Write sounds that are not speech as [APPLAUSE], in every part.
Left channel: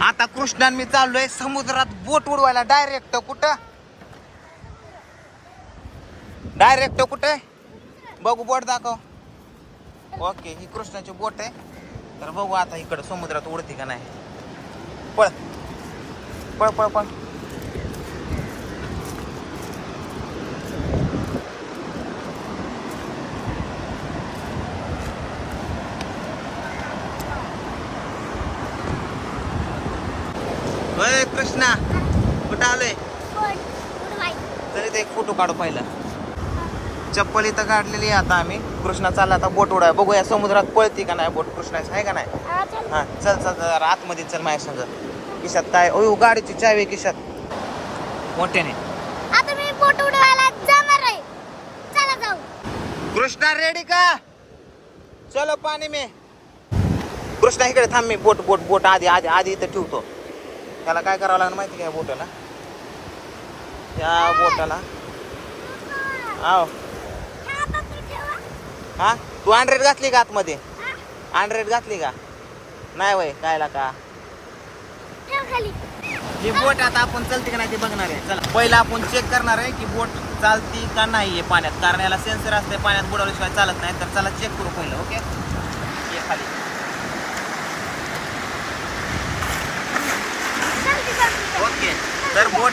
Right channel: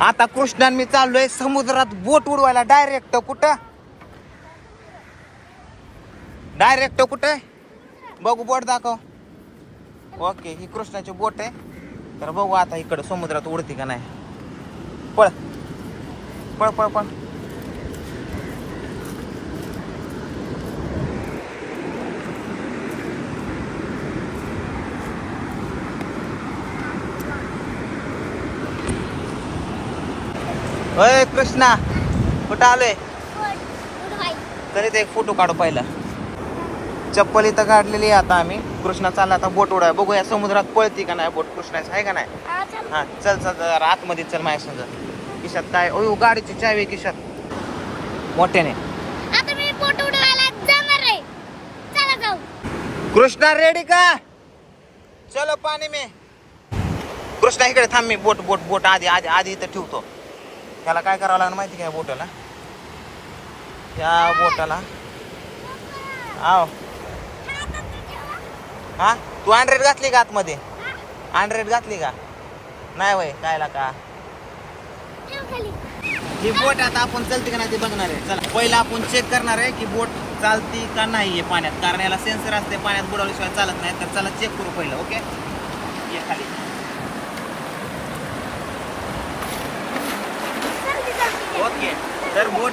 आता कृष्णान मी चाललोय समुद्रात बोट उडवायला. डायरेक्ट कुठं? डायरेक्ट कुठं? बघू बोट दाखव. ओके ही कृष्णाची बोट आहे. तर बघू आता इकडं समुद्रात उडते का नाही. पळ. पळ पळ पळ. होय कृष्णा कुठं आलोय? तरी ते एक फोटो काढू पहिला? चप्पल इथं काढलेली आहे आता आम्ही. कृष्णा चालला आता बोट उडाय बघूया समुद्रात पळती का नाही बोट? कृष्णाची आहे का नाही? हा चल. चल जरा आतमध्ये चल माझ्या संग. किशात काय? ओ गाडीची चावी खिशात मोठ्याने. कृष्णा रेडी का? चलो पाणी में. कृष्णा इकडे थांब मी. बोट बोट बोट. आधी आधी आधी इथं ठेवतो. त्याला काय करावं लागणार माहिती काय बोटाला? या बोटाला. आव. हा? तू हंड्रेड घातली का आतमध्ये? हंड्रेड घातली का? नाही वय कायला का? ही बोट आता आपण चलते का नाही ते बघणार आहे. चला पहिला आपण चेक करणार आहे की बोट चालती का नाही आहे पाण्यात. कारण याला सेन्सर असते पाण्यात बुडवल्याशिवाय चालत नाही. तर चला चेक करू पहिलं ओके ये खाली. ओके. तर बोट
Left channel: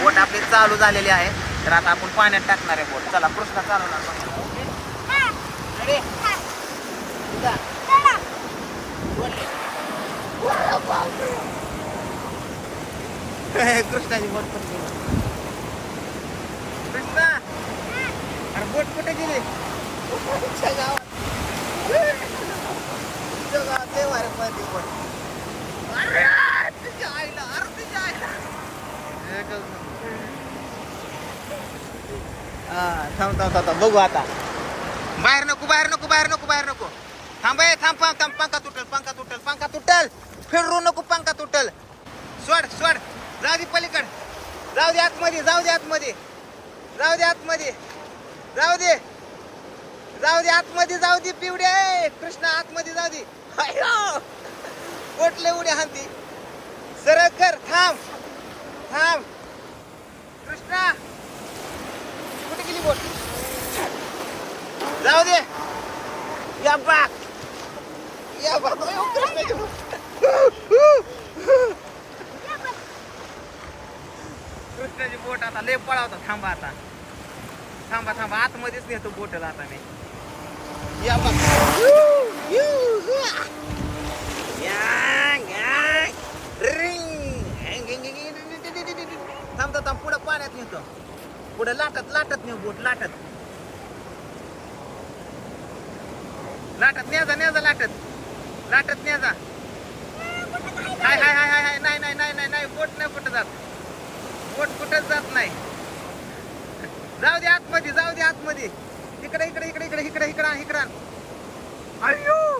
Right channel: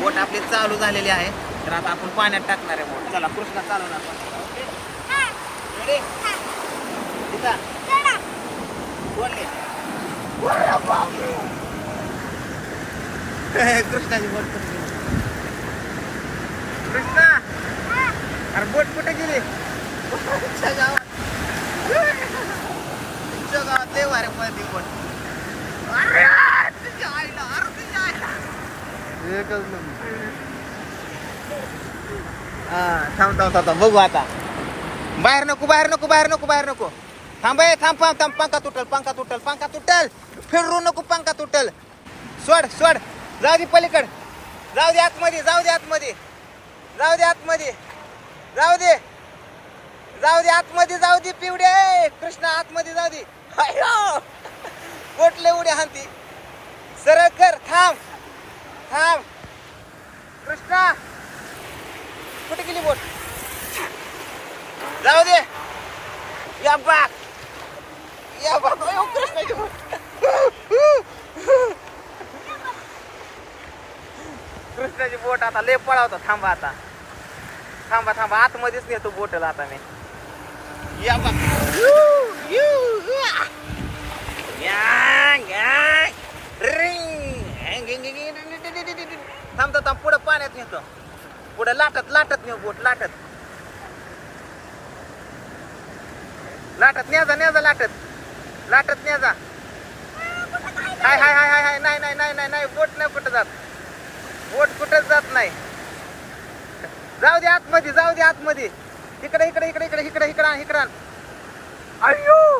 बोट आपली चालू झालेली आहे. तर आता आपण पाण्यात टाकणार आहे बोट. चला कृष्णा चालवणार [LAUGHS] कृष्णाची बोट कुठे कृष्णा! अरे बोट कुठे गेली? तुमच्या गावात. तुमच्या गावात लय भारी बोट. हा, थांब थांब थांब बघू आता बाहेर नको बाहेर नको बाहेर नको बाहेर नको. थांब थांब थांब थांब पंखा तुटल पंखा तुटल पंखा तुटल. फिरू नको पंखा तुटल. सोड सोड. जाऊ दे पलीकड. जाऊ दे आतमध्ये जाऊ दे आतमध्ये. जाऊ दे आतमध्ये. जाऊ दे. जाऊ दे आतमध्ये जाऊ दे पिवडे. कृष्णा आतमध्ये जाऊ दे. कोटले पोटले उड्या हांती सरळ कर थांब. थांब. कृष्णा कुठे गेली बोट? जाऊ दे. या बाक या अयो, कृष्णाची बोट. कृष्णाची बोट आता लय पळावता. थांबा आता. थांबा थांबा. आतमध्येच नेतो बोटला आता नाही या या, या. रिंग. थांब थांब थांब पुढं पाण्यात पुढे पुढं लाटत लाटत नेऊ बोट लाटत. लाटत न्याजा न्याजा लाटत. लाटत न्याजा हाय हाय हाय हाय हाय नाही नाही नाही नाही नाही बोट नाही कुठं जात. बोट कुठंच जात नाही. जाऊ दे आतमध्ये जाऊ दे आतमध्ये. इकडे इकडे इकडे इकडे इकडे इकडे इकडान अयो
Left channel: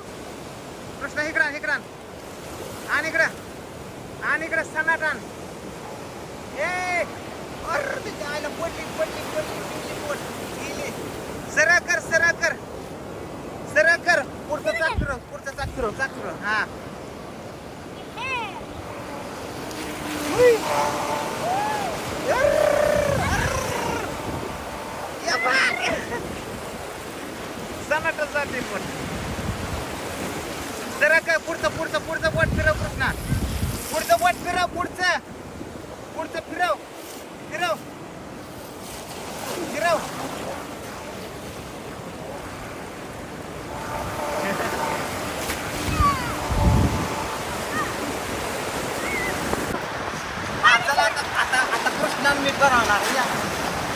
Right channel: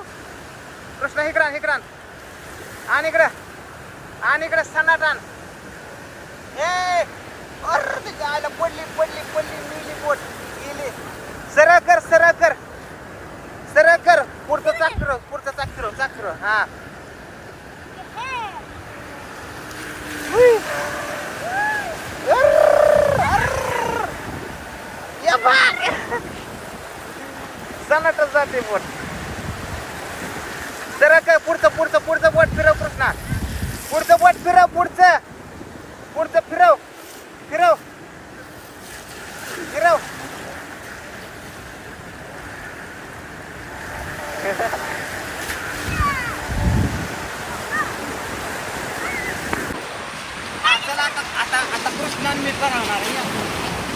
कृष्ण इकडं कृष्णा आणि. इकडं. आणि इकडं सनाट आण. ए! अरे तिच्या आयला पडली पडली पडली गेली बोट गेली. सरळ कर सरळ कर. सरळ कर. पुढचं चाक फिरव पुढचं चाक फिरव चाक फिरव हा सनाटच जाते बोट सरळ कर. पुढचं पुढचं पुढचं बोट फिरव कृष्णा. पुढचं बोट फिरव पुढचं. पुढचं फिरव फिरव हा, चला आता आता आता कृष्णान मी करवणार आहे, या.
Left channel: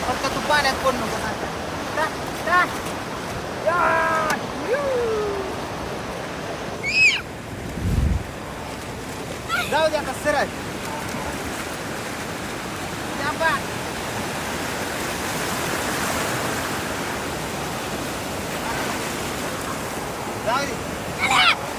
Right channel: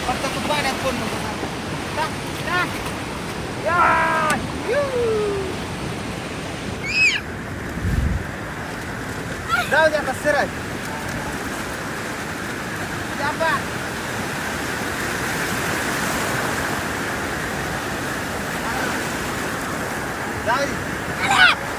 फक्त तू पाण्यात पड नको ना. टा, टा. या, यू. जाऊ दे आता सरळ या बा. जाऊ दे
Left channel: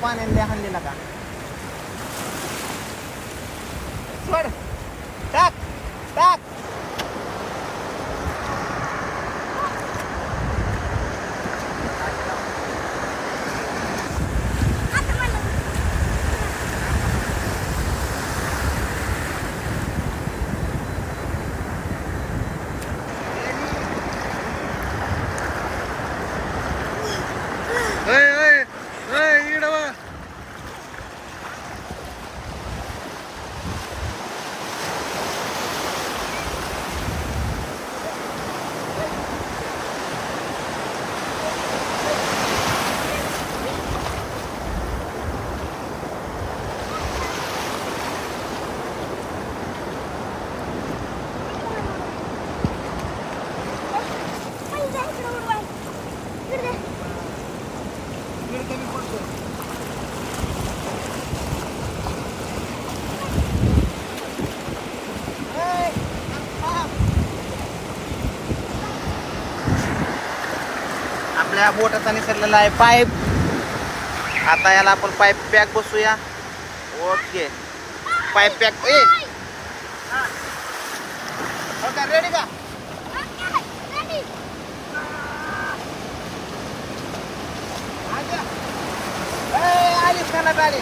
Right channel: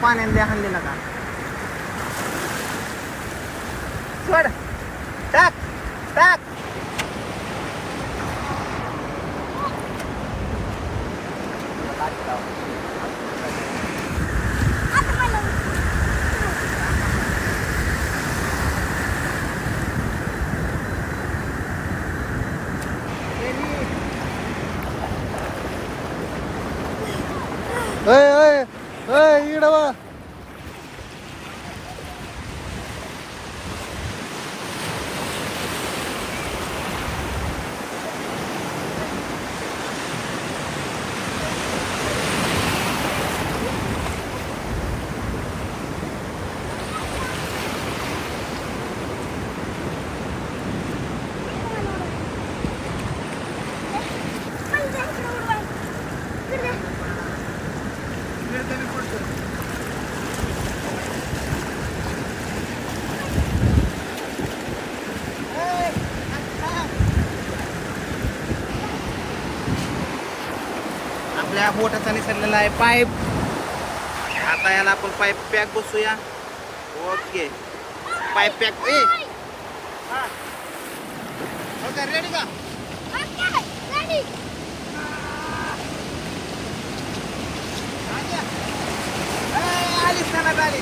fun and definitely आपल्या बोटाचा निसरलेला आहे पाईप. आता याला आपण पाईप पॅक बसूया. ओके. Pipe pack. ए! रेडी का? Okay, ready. गाडी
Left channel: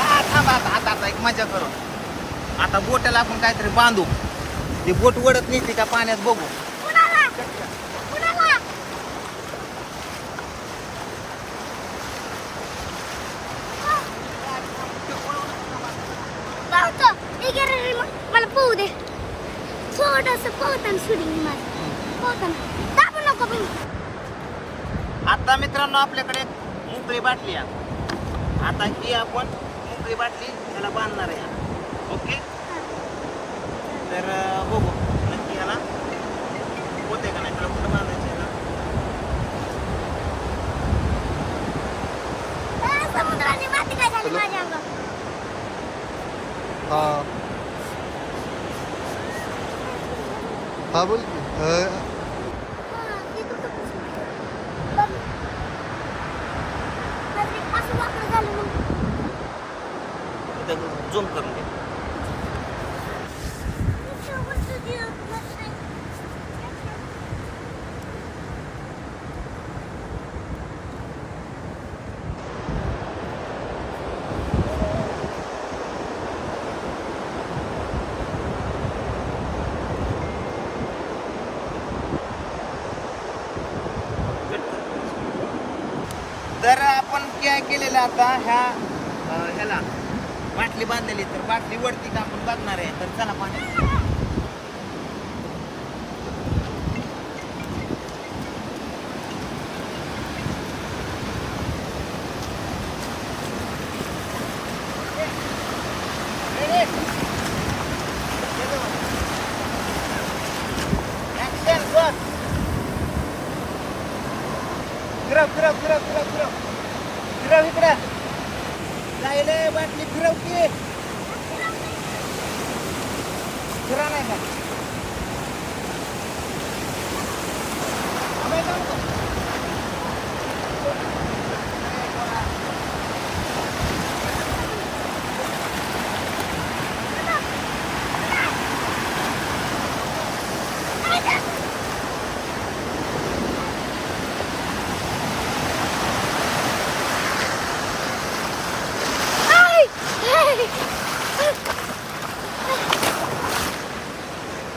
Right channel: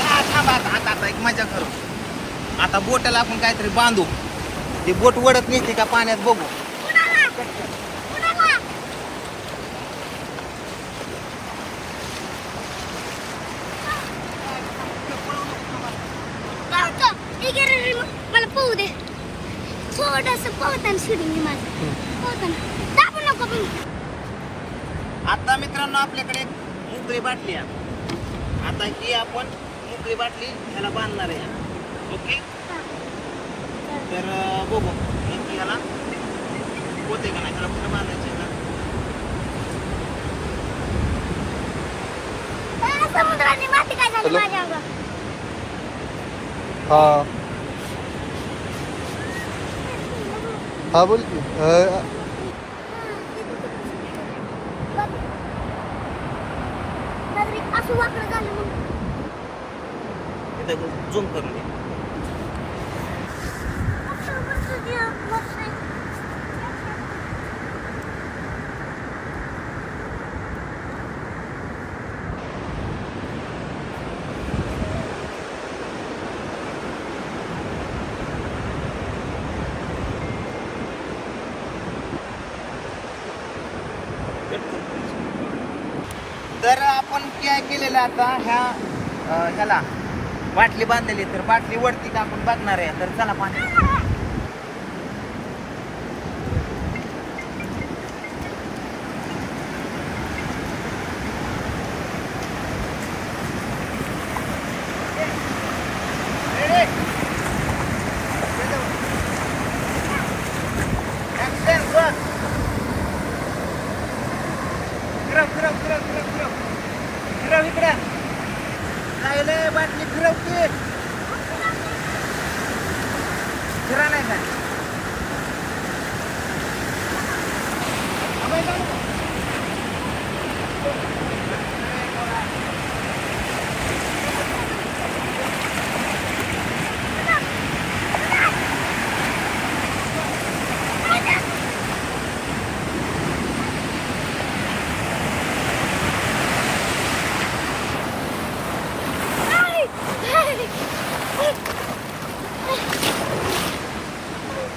आ, थांब आता आता आता एक मजा करू आता बोटाला आपण काहीतरी बांधू. ते बोट वडत नेते का पाण्यात बघू. दे नको आता मित्रांनो आपल्याकडे मोकळी बाटली आता ही आपण मोकळी बाटली ह्याला बांधणार आहे. ओके? तर अं, बघू नक्की ह्याला होते का नाही ह्याला कुठं बांधायचं आहे ना आ, समुद्राने माती काय झाली हॅलो? माझ्या अंगावर हा हा बोल की अय, बघ. काहीतरी असं वाकडं झालं मग इथं झूम करून दे मस्त, मस्त ते, मस्त. तर आपण काय केलेलं आता ह्या ह्याला बाटली बांधलेली तर बाटली वरती टाकून बांधणार बघणार आहे. तर चला पाण्यात Action, go! फिरव फिरव फिरव फिरव फिरव फिरव इकडे राहिले बाटली फिरव की फिरा नाही का अबे, काय नको?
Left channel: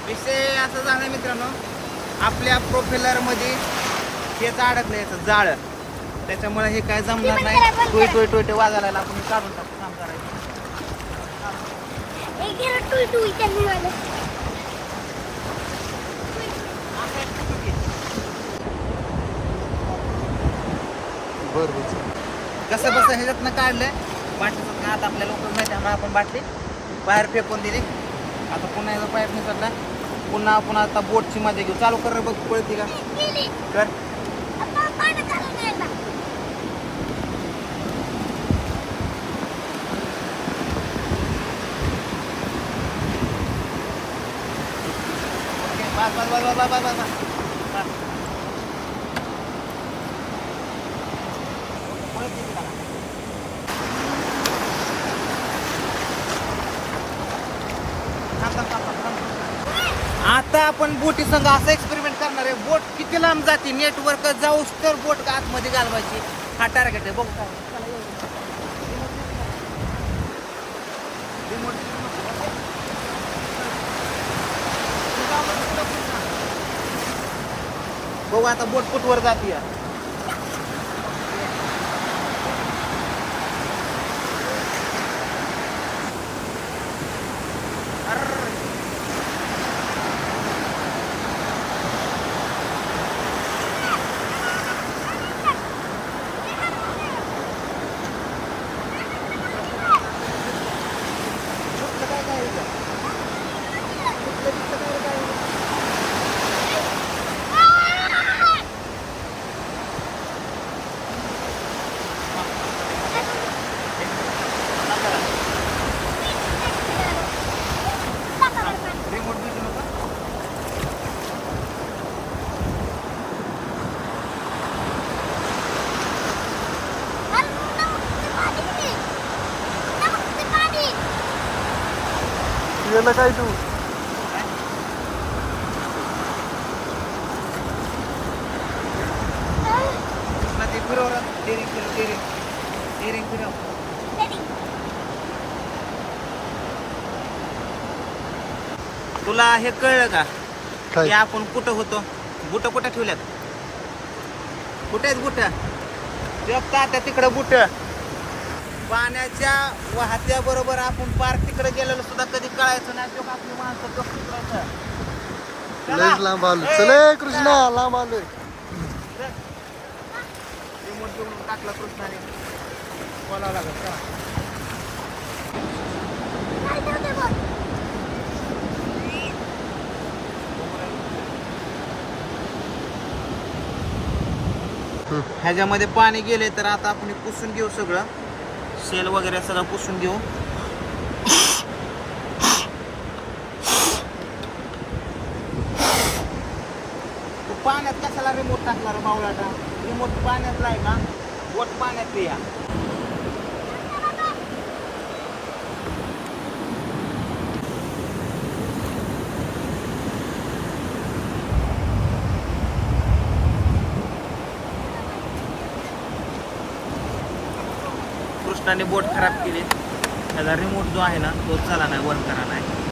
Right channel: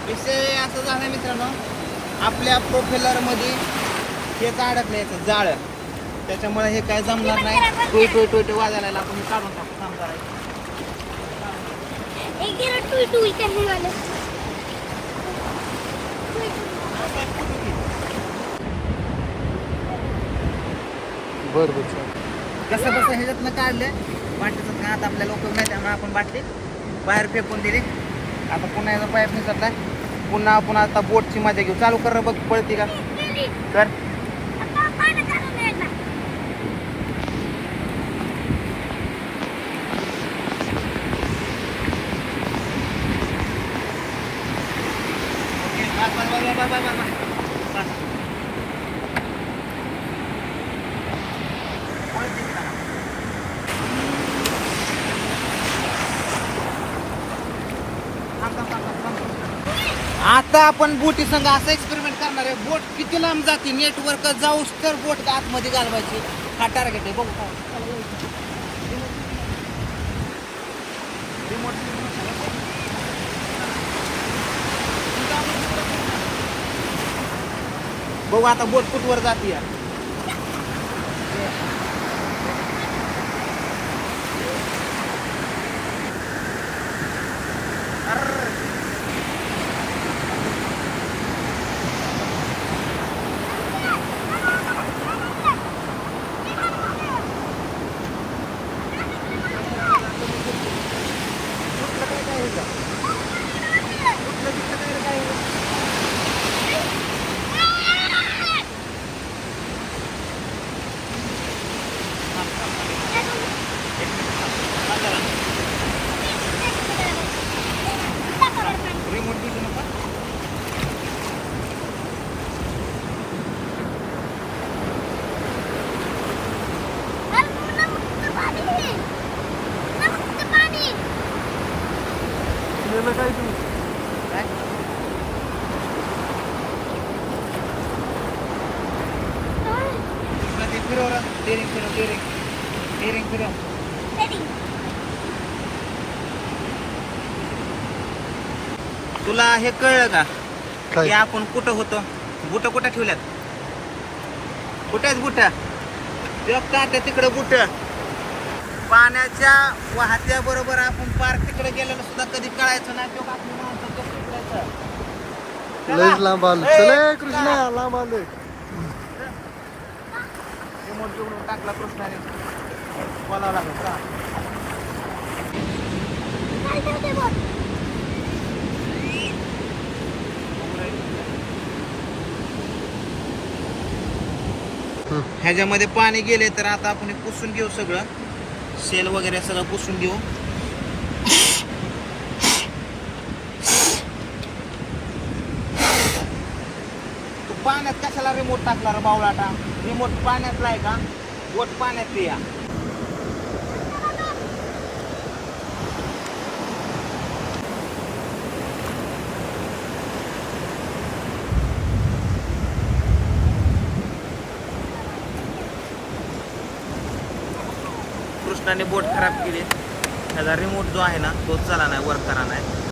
विषय असं झाला मित्रांनो आपल्या प्रोफेलरमध्ये हेच अडकलं याचं जाळ. त्याच्यामुळे हे काय जमणार नाही. टोय टोय टोय टोय वाजायला आपण हे काढून टाकू काम करायचं बर बर. कसं बसं ह्याच्यातनं काढलं बाटलीचं काय आता आपल्याला उपयोग नाही त्यामुळे आपण बाटली बाहेर फेकून दिली. आता पुन्हा याचा पाईप निसरलाय पुन्हा पुन्हा आता बोटची मजा घेऊ. चालू कर बघ पळती का? कर. आता बाबा बाबा बाबा बस बस बस बस बस बस बस आपण बोटी संघ असं एक्सपेरिमेंट करणार आहे. बोट किती लांब जाते? नेटवर्क जाऊस तर बोट आतमध्ये घालवायची. हा टार्गेट आहे. बघू काय चला, बघू आता बोट कुठवर जाते रिमोट देऊ नका याला काय तू? ते फिरव. डेरिंग फिरव डेरिंग डेरिंग फिरव. तुला हे कळलं का? की आपण कुठं होतो? बुट कुठं ठेवल्यात? कुठे आहेत बुट? आता तिकडं बुट. पाण्याच्या वाहत्या बरोबर आपण पार्क तिकडे गेलेलो सुद्धा कधी कळायचं नाही. तो आपली माणसं कप तिकडायचं लयच लांब आलो चल कृष्णा लांब आलोय. रिमोट घेऊन टाकला कृष्णाने. बोलावं लागत राहा ह्याच्यामध्ये पाणी गेले तर आता आपण हे पुसून घेऊ सगळं. सेल वगैरे सगळं पुसून घेऊ. तू पाण्यात कशाला रिमोट टाकला रे बावलाटा रिमोट पाण्यातला आहे का? बोट पाण्यात या कृष्णाने बोट खराब केली. त्याचा रिमोट जो आहे ना तो चला नाही वर्क करा नाही.